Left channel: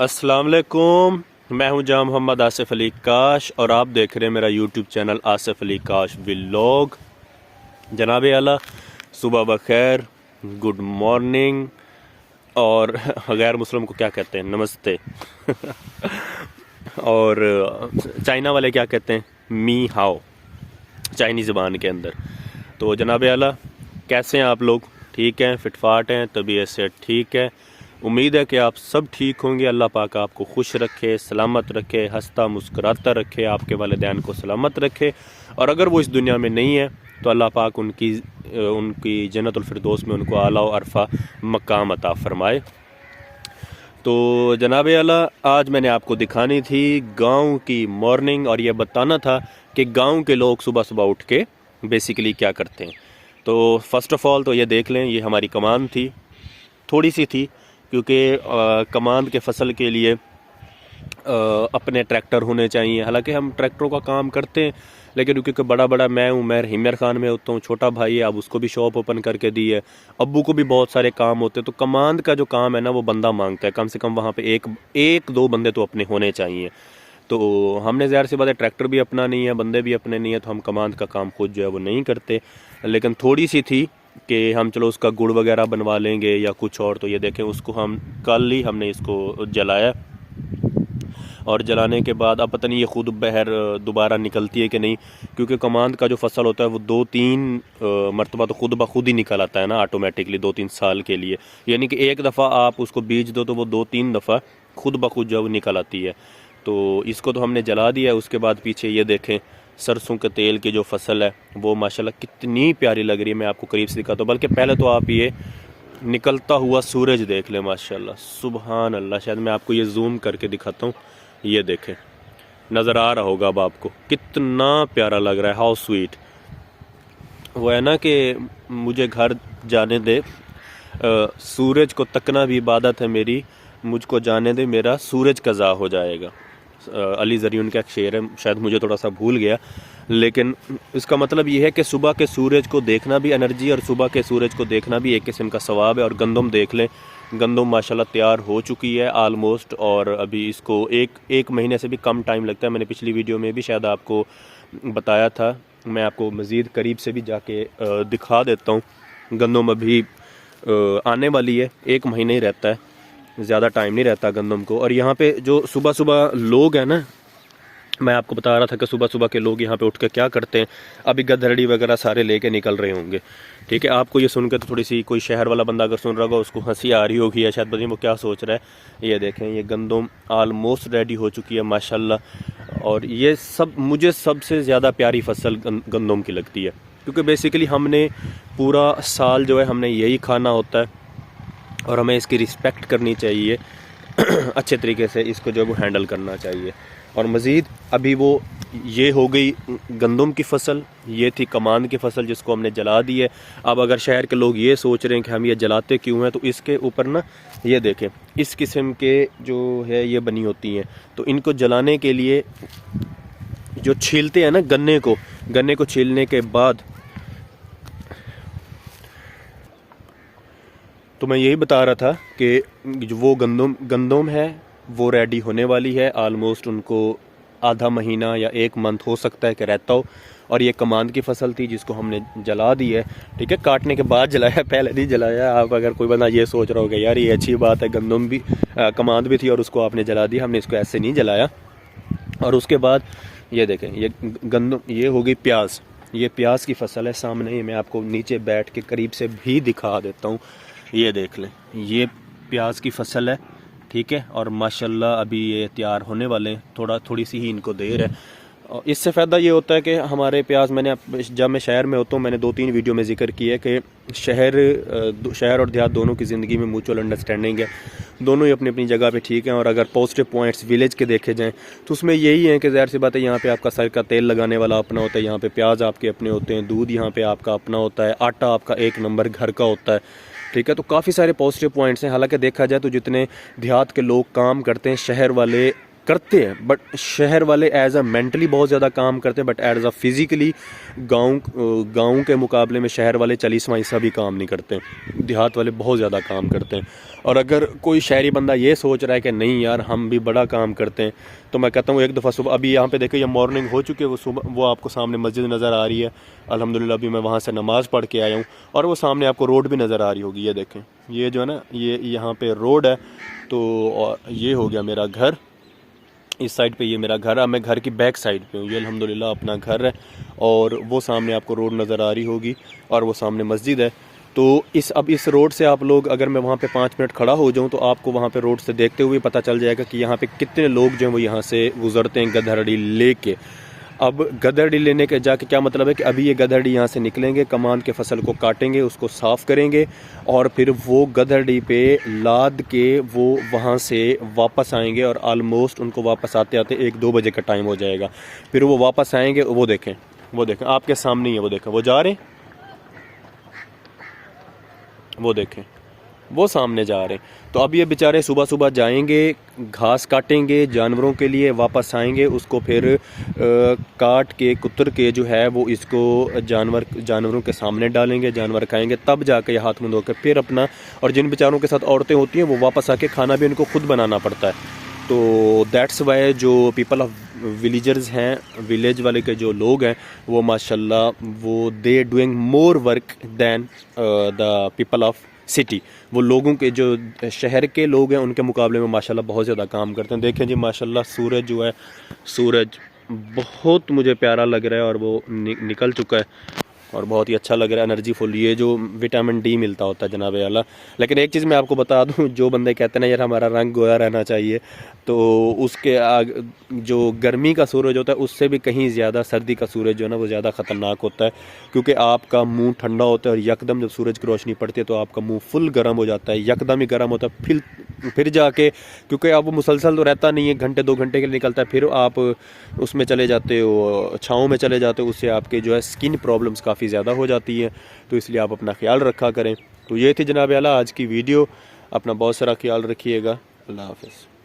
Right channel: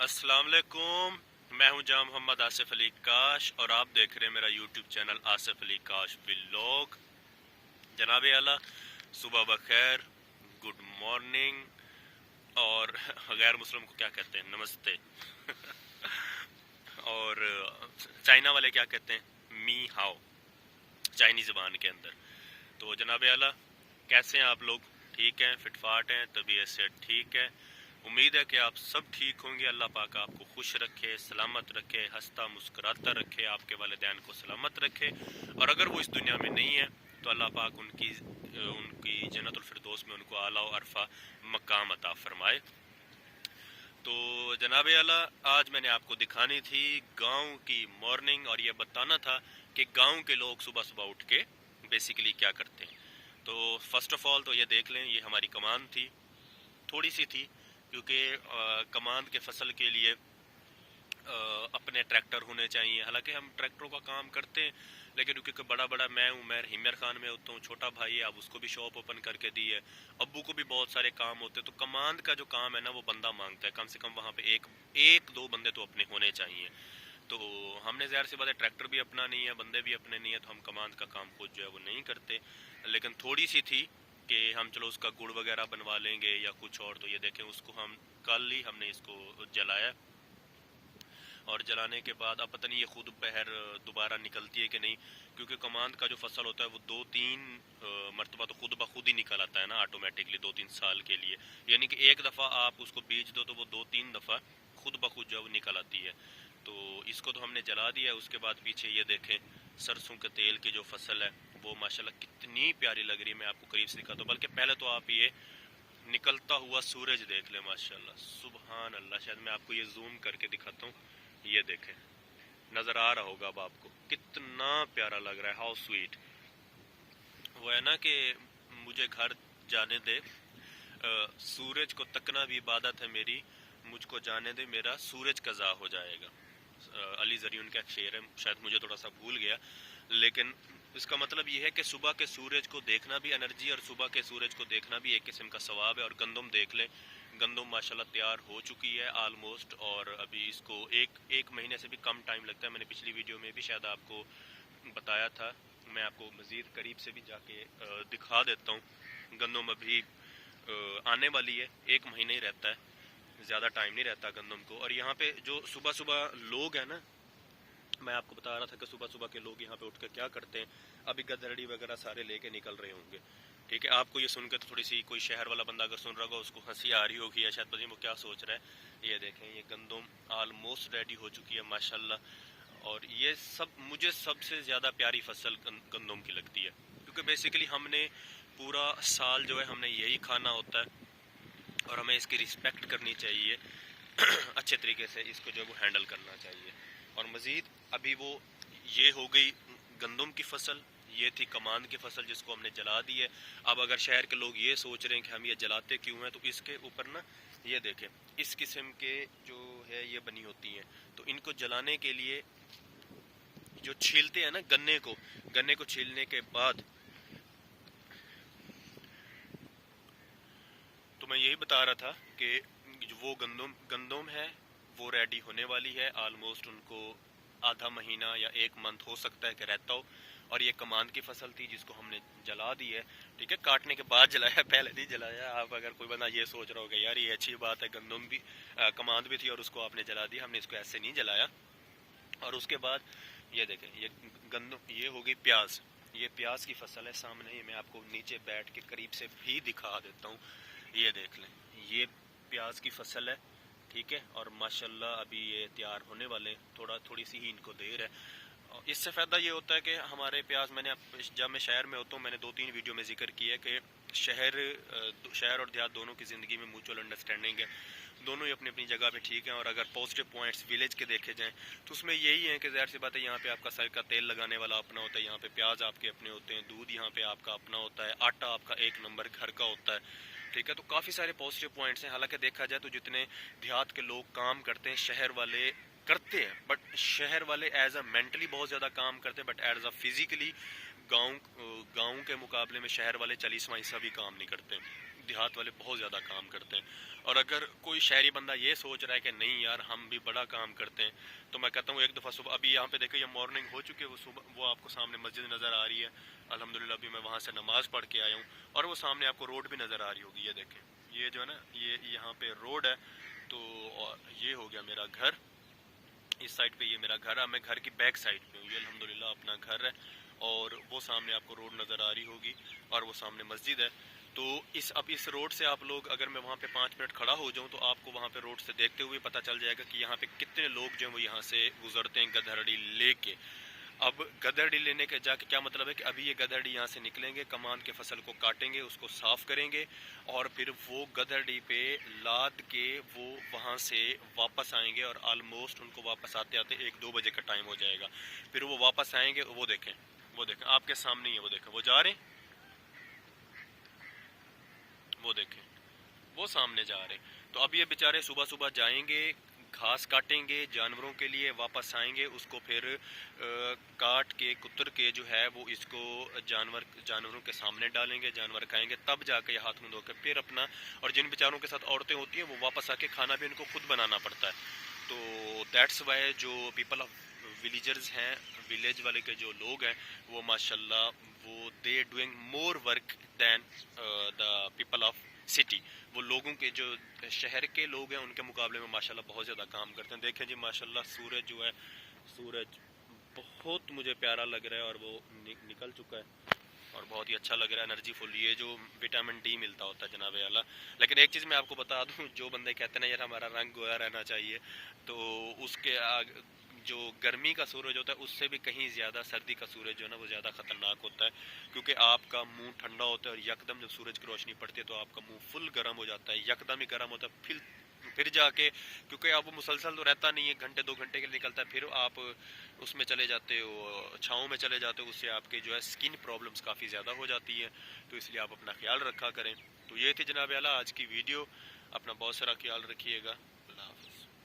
अस्सलाम वालेकुम। मैं हूं जहाँ मोहम्मद आसिफ अली काश और आप देख रहे हैं मेरा यूट्यूब चैनल आसिफ अली काश व्लॉग। जनाब आला सुबह बखैर, गुड मॉर्निंग। और गैर मुस्लिम को क्या कहते हैं? नमस्ते। और चाइना वाले क्या कहते हैं? मी हाओ, चाइनी ज़बान के अंदर। तो जनाब आला कैसे हैं आप लोग? ठीक हैं, फिटफाट हैं, तबीयत से ठीक है। उम्मीद है कि आप सब ठीक होंगे। अल्लाह पाक आपको खुश रखे, सलामत रखे, हंसता मुस्कुराता रखे, आपके वालिदैन को सलामत रखे। और अगर वो इस दुनिया में नहीं है तो अल्लाह पाक उनकी जन्नतुल फिरदौस में उनको आला व अरफा मकाम अता फरमाए। तो जनाब आला आज मैंने आपको दिखानी थी गांव की मॉर्निंग और ये बताना था कि गांव के लोग सुबह सुबह उठ के बेसिकली क्या करते हैं। तो फ़र्स्ट ऑफ़ ऑल तो ये देख लें, ये हमारी कमांड थी, थोड़ी सी थी क्योंकि कमांड के फसल के लिए अपने ट्रैक्टर होने चाहिए। हालांकि हम ट्रैक्टरों का काम करते हैं, लेकिन क्योंकि बड़ा मैं हूँ, मैं हिमर खान में होता हूँ, छोटा भाई है, अब उसको भी शॉप ओपन करके दी है, अब्बू को भी बहुत सारे काम होते हैं। तो कमांड का जो काम है ना वो बंदा मांगता है, कम से कम वहाँ पे एक दो बंदे तो अपने होने चाहिए। तो हमने ज़ाहिर सी बात है ट्रैक्टर भी अपना नहीं है, बंदे भी अपने नहीं है, तो हम कमांड का काम खुद जो है वो नहीं करते। लेकिन थोड़ी सी थी कि हम चलो उसका गुड़ वगैरह बनवा लेंगे या कुछ और। तो ये देखें, उसको हम कल ही हमने इसको जलाया और जलाने के बाद अब पता नहीं ये खुद बहर दोबारा निकलती है कि नहीं, क्योंकि कमांड का जो फसल होता है वो 2-3 मरतबा तो खुद ब खुद ही निकल आता है ना ऑटोमेटिकली 2-3 साल के लिए। यानी कि एक दफ़ा आप उसको बीज दो तो वो 2-3 दफ़ा खुद ब खुद जो निकल आती है। तो इसको तो हमने जला दिया। उसके बाद पीछे ये देखें सरसों के तेल की जो फसल है वो माशाल्लाह कितनी प्यारी लग रही है। मैं आपको करीब से दिखाता हूँ, बल्कि पहले तो आप ये निकलता हुआ सूरज देख लें। माशाल्लाह सुबहान अल्लाह। शायद मैं आपको ये जूम करके दिखाता हूँ, ये देखें, नज़र आ रहा होगा अब आपको, कितना प्यारा लग रहा है। How sweet. वो है ना कि मुझे घर जाने दे, सूरज को तकना भी इबादत है मेरी, मुझको जाने दे मेरा सूरज कज़ा हो जाएगा। अली ज़रियुन का एक शेर है, शायद मुझे थोड़ा सा भूल गया, लेकिन इसका मतलब ये है कि सुबह के सूरज को देखना भी एनर्जी और सुबह के सूरज को देखना भी एक किस्म का सवाब है। और गंदम देख लें, गंदम माशाल्लाह तैयार हो चुकी है आलमोस्ट, और अभी इसको एक महीने से भी कम टाइम लगता है। मैंने पिछली वीडियो में भी शायद आपको बताया था, मैं आपको मज़ीद करीब से भी जाके दिखा देता हूँ। गंदम अभी आने वाली है, 1 महीने ही रहता है, ज़्यादा टाइम नहीं रहता गंदम को। और यहाँ पे जो सुबह सुबह लोग हैं ना, मैं आपको बता रहा था कि सुबह सुबह के लोग यहाँ पे उठ के क्या करते हैं। अभी गधरड़ी वगैरह सारे लेके निकल रहे होंगे, ठीक है। आपको ये सुनकर तो थोड़ी सी कोई शहर वाला बंदा अगर सुन रहा होगा उसको हंसी आ रही होगी या शायद पता नहीं वो क्या सोच रहा है। ये देखें, ये गंदम आलमोस्ट रेडी हो चुकी है माशाल्लाह। और ये सब मुझे सबसे ज़्यादा प्यारी फसल गंदम की लगती है, क्योंकि बेसिकली हमने पूरा साल जो है हमने यही खाना होता है और हमें इसकी रिस्पेक्ट करनी चाहिए। अच्छे तरीके से इसको जो है वो हैंडल करना चाहिए। और मज़ीद अभी वो ये हो गई गंदम की फसल, ये थी कमांद की फसल जिसको हमने जला दी है। अब अगर शहर के लोग ये सोच रहे हैं कि हम ये जलाते क्यों हैं, तो इसके ऊपर ना ये देखें, इस किस्म के जो है ये बनी होती हैं। तो इनको जलाने के लिए जो छीलते हैं ना गन्ने को छीलने के बाद, तो मैं यही बता रहा था कि जो वो गंदम है वो रेडी होने वाली है आलमोस्ट। उनको आधा महीना या 1 मंथ हो सकता है कि रहता हो। और ये कमांद की फसल थी जिसको हमने जला दी है, ठीक है, काटने के बाद जलाया, पहले नहीं जलाया। आप अगर कोई बंदा ये सोच रहा होगा यार ये अच्छी बात है, गंदम भी कमांद भी थी और उसको आपने जला दी, हमने इसको ऐसे नहीं जलाया। और उसके बाद ये देखें, ये गंदम, ये हो गई प्याज, ये प्याज की फसल है सामने ही। मैं आपको नीचे बैठ के करीब से भी दिखा देता हूँ, ये देख लें, ये प्याज की फसल है, ठीक है। और माशाल्लाह अभी ये तैयार होने वाले हैं, थोड़ी सी ही इनको देर है। और इससे फ़ायदा ये होता है कि हमारे प्याज, जब मैं शहर में होता हूँ, मैंने 2-3 वीडियो में जिक्र किया है कि शहर और देहात दोनों की ज़िंदगी में म्यूचुअल अंडरस्टैंडिंग है, दोनों ही अपनी अपनी जगह पे ठीक हैं। और अगर पॉजिटिव पॉइंट्स विलेज के देखे जाएँ तो उसमें यही है कि ज़ाहिर सी बात है यहाँ पे आपका सर का तेल लगाने वाला अपना होता है, यहाँ पे प्याज आपके अपने होते हैं, दूध यहाँ पे आपका अपना होता है, आटा आपका 1 नंबर घर का होता है, ठीक है। तो काफ़ी सारे पॉजिटिव पॉइंट्स हैं। हालांकि देखा जाए तो जितने देहात के लोग काम करते हैं, शहर वाले करते हैं, बट शहर वाले एज अ मेंटली बहुत ज़्यादा काम करते हैं, बट एज अ फिज़िकली गांव के मुकाबले में शहर वाले 40वां हिस्सा भी काम नहीं करते हैं। देहात वाले बहुत ज़्यादा काम करते हैं। और अगर कोई शहरी बंदा ये सोच रहा है कि नहीं यार हम भी बड़ा काम करते हैं, तो मैं कहता हूँ एक दफ़ा सुबह, अभी यहाँ पे देखो ये मॉर्निंग हो चुकी है, वो सुबह वो आपको सामने मस्जिद नज़र आ रही है अल्हम्दुलिल्लाह। अभी मैं वहाँ से नमाज़ पढ़ के आया हूँ और वो सामने आपको रोड भी नज़र आ रही होगी। ये देखें, ये जो है ना, ये यहाँ पे रोड है। तो और ये हो गया मेरा घर, इस साइड पे ये मेरा घर है, मैं घर की बैक साइड पे हूँ। ये अल्हम्दुलिल्लाह अपना घर है और वो सामने आपको रोड नज़र आ रही होगी और वो सामने मस्जिद है। तो अब इस रोड से आप लोग, अगर मैं वहाँ पे 5 मिनट खड़ा हो जाऊँ तो आपको वहाँ पे रोड से देखते हुए पता चल जाएगा कि यहाँ पे कितने लोग जो हैं वो यहाँ से गुजरते हैं गधरड़ी लेके। अब गधरड़ी लेने के जाके क्या मतलब है कि अभी ये गधरड़ी यहाँ से निकलेंगे, कमान के फसल को काटेंगे, उसको साफ़ करेंगे और फिर वो गधरड़ी पे लाद के वो वहाँ से वापस आएंगे और आलमोस्ट उनको वापस आते आते 1-2 बजे का टाइम हो जाएगा। फिर वो वापस आएंगे, वो देखें आपके सामने ही है, वो देखें वो जा रहे हैं, वो देखें वो सामने जा रहे हैं। तो अब ये बेचारे सुबह सुबह जाएंगे, घास काटेंगे जानवरों के लिए, वापस आएंगे, उसको फिर काट के कुतर के जो है वो इसको जानवरों के सामने डालेंगे, जानवर खाएंगे, तब जाके हाथ मुंह धोकर फिर अपना। और जिन बेचारों के साथ औरतें होती हैं वो वापस आके खाना भी उनको खुद बनाना पड़ता है। तो दैट्स वाई जो पीपल ऑफ विलेजर्स हैं, विलेज वाले के जो लोग हैं वो माशाल्लाह वो they doing more work than the people of city. वो लोगों के जो शहर के लोग हैं उनके मुकाबले में माशाल्लाह बहुत ज़्यादा काम करते हैं। देखें जी माशाल्लाह सूरज जो है, सूरज बहुत मुझे प्यारा लग रहा है और वो निकल चुका है और बहुत ही अच्छा लग रहा है, एनर्जी फुल। ये जो विटामिन डी मिलता होता है जनाब आला। लेकिन एक चीज़ मैं आपको बता दूं, जो बंदे कहते हैं ना यार हमारा रंग गोरा रहना चाहिए, तो उसके जो गर्मी का सूरज होता है उससे भी कहीं ज़्यादा सर्दी का सूरज जो है ना वो ज़्यादा ख़तरनाक होता है। क्योंकि आपका मुंह ठंडा होता है और यकदम जब सूरज की रोशनी पड़ती है तो आपका मुँह फुल गर्म हो जाता है, यकदम ही गर्म होता है। फिर जाके, क्योंकि आप वो मुसलसल तो रहता नहीं है, घंटे 2 घंटे के लिए निकलता है, फिर आप उसमें चले जाते हो, छाँव में चले जाते हो, उससे आपके जो है स्किन प्रॉब्लम्स काफ़ी ज़्यादा हो जाती हैं। तो इसलिए आप अपना ख्याल रखा करें। तो ये थी जनाब आला आज की वीडियो। अपना बहुत सारा ख्याल रखिएगा। अल्लाह हाफ़िज़।